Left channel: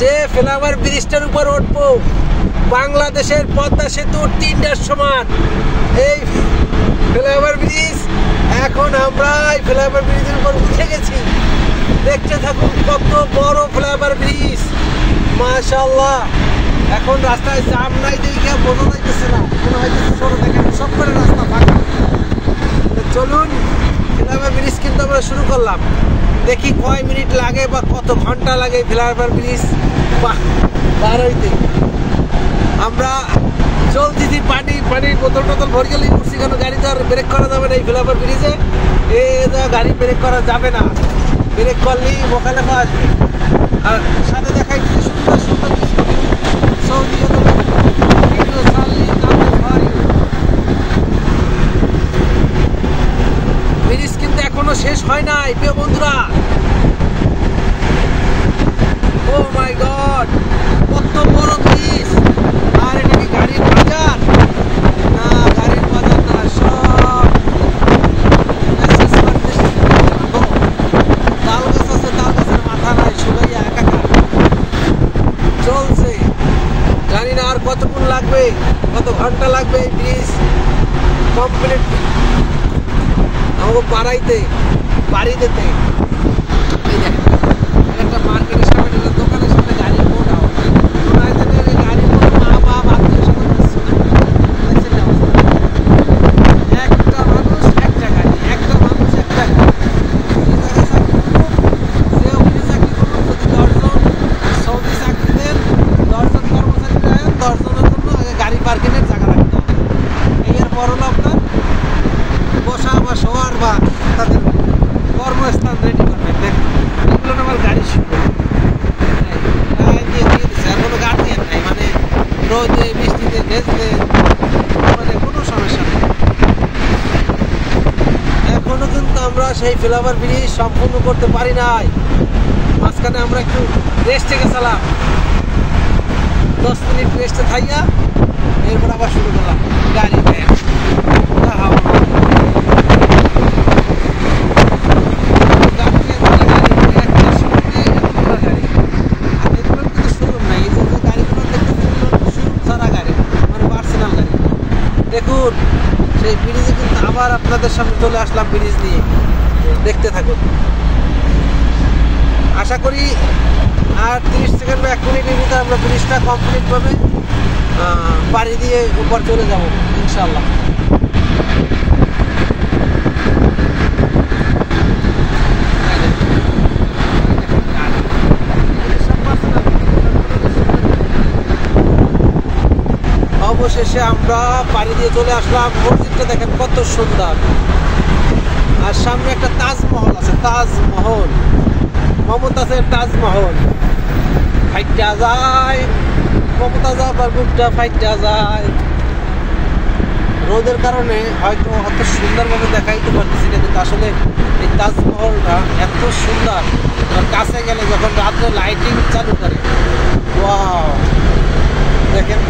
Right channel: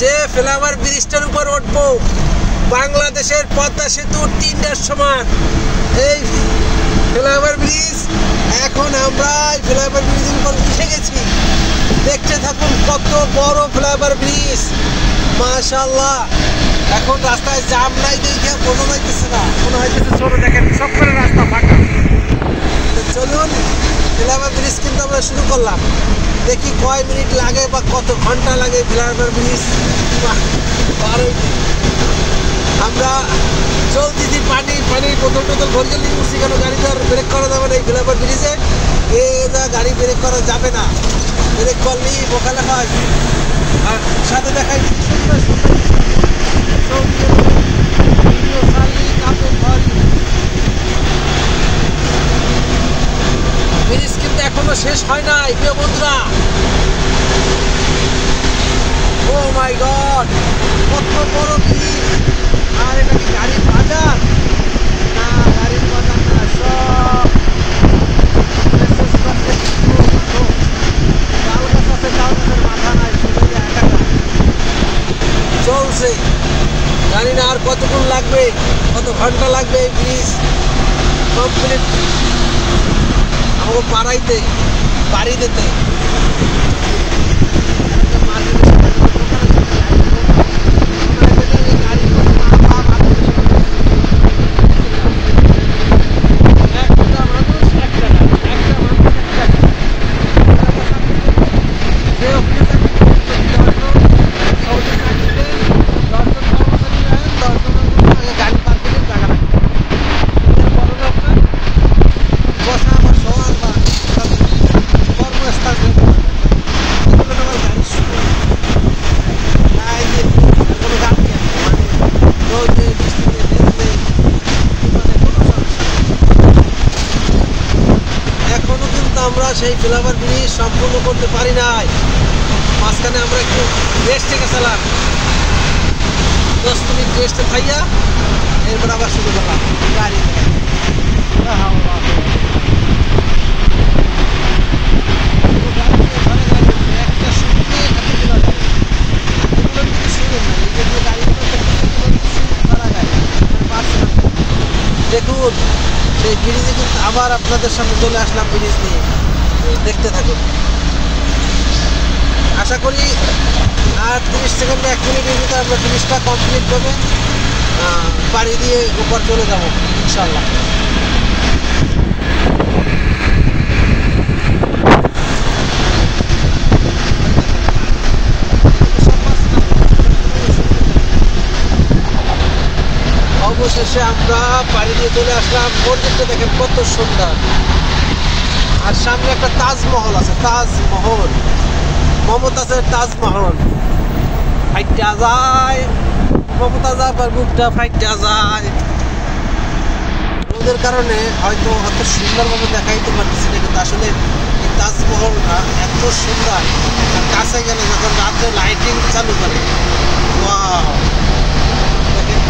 যে ফ্লাইওভার ব্রিজটার উপর উঠবো, বাংলাদেশের পদ্মা সেতু 3টার সমান এই ফ্লাইওভার ব্রিজ। এখন আমরা এই ফ্লাইওভার ব্রিজের উপর উঠে গেছি। দেখতে থাকুন কত বড় ফ্লাইওভার ব্রিজ, মাশাআল্লাহ। এখন রাস্তায় জাম নাই দেখে বোঝা যাইতেছে না, মনে হয় ছোট, দেখেন সব করে রাস্তা ফাঁকা। চলুন, ফ্লাইওভার ব্রিজ কিন্তু আমরা শুরু করলাম। দেখি কয় মিনিট লাগে বা কত ঘন্টা লাগে ফ্লাইওভার ব্রিজ পার হইতে। আমরা চলতেছি, পানির বোতল টোতল ভরে গেলে কেন গাড়িতে আর ব্রেক করা যাবে না এই ফ্লাইওভার ব্রিজে। গাড়ি ব্রেক করা যাবে না, ব্রেক করলেই মোকালেফা আসবে। আর সাথে দেখাই সুন্দর সুন্দর সৌদি ভিডিও ছাড়লেই কাপড় ভরি। ব্রিজ কিন্তু এখনো শেষ হয় নাই প্রিয় বন্ধুরা। ও মাই গড, কত বড় ব্রিজ! আর এটা কি গাড়ির বাজার? না, গাড়ির বাজার না, সব তাল গাছ আছে, তাল গাছের মাথা নাই, সবাই একা চলছে। জানি না আর কতক্ষণ লাগবে, কত ঘন্টা লাগবে এই ব্রিজ কমপ্লিট আমাকে পাড়ি দিতে। একটা মার্কেটের সামনে দোকানের সামনে গাড়ি একটা মানুষ একটা গাড়ি, একটা মানুষ একটা গাড়ি। সৌদি চাকরিদের 10 জন কর্মচারী, 10 জনের গাড়ি পার্কিংয়ের জায়গা এর বড় লোক না বসা বা শোয়ার বা তাদের কর্মস্থান রেডি করবে। এগুলো আমার গাড়ির সুবিধা কোনো গাড়ি আছে, মানে রোদে বৃষ্টিতে ভেজতে মানে কোনো সমস্যা নেই। এখনো কিন্তু আমরা সেই ফ্লাইওভার ব্রিজ সম্পূর্ণ করতে পারি নাই। মাঝখানে আমরা একটু রেস্টে গেছিলাম, 10 মিনিট রেস্টে খাইয়া এরপর আবার শুরু করলাম গাড়ি। দেখুন সেই ব্রিজে কিন্তু আবার আপনাদের সামনে চলে আসলাম ব্রিজ নিয়ে, দেখতে থাকুন। আশা করি আর 30 সেকেন্ড বা 1 মিনিটের ভিতরে আমরা ব্রিজটা কমপ্লিট করবে পাড়ি দিয়ে উপর চলে যাব ইনশাল্লাহ। অবশেষে আমরা পাড়ি দিয়ে চলে আসলাম। মসজিদটা দেখেন কত সুন্দর, আর সামনে একটা তাজমহল আছে, তাজমহল, মমতাজের তাজমহল। ফাইটা যায় মমতাজ, আবার বুকটা ফাইটা যায়। রোদের কারণে হয়তো অত সুন্দরভাবে দেখাইতে পারতেছি না, কিন্তু আসলে এই তাজমহলটা এত সুন্দর। আর কাছে গেলে যখন রাত্রে লাইটিং চালু করে, ওয়াও, দেখেন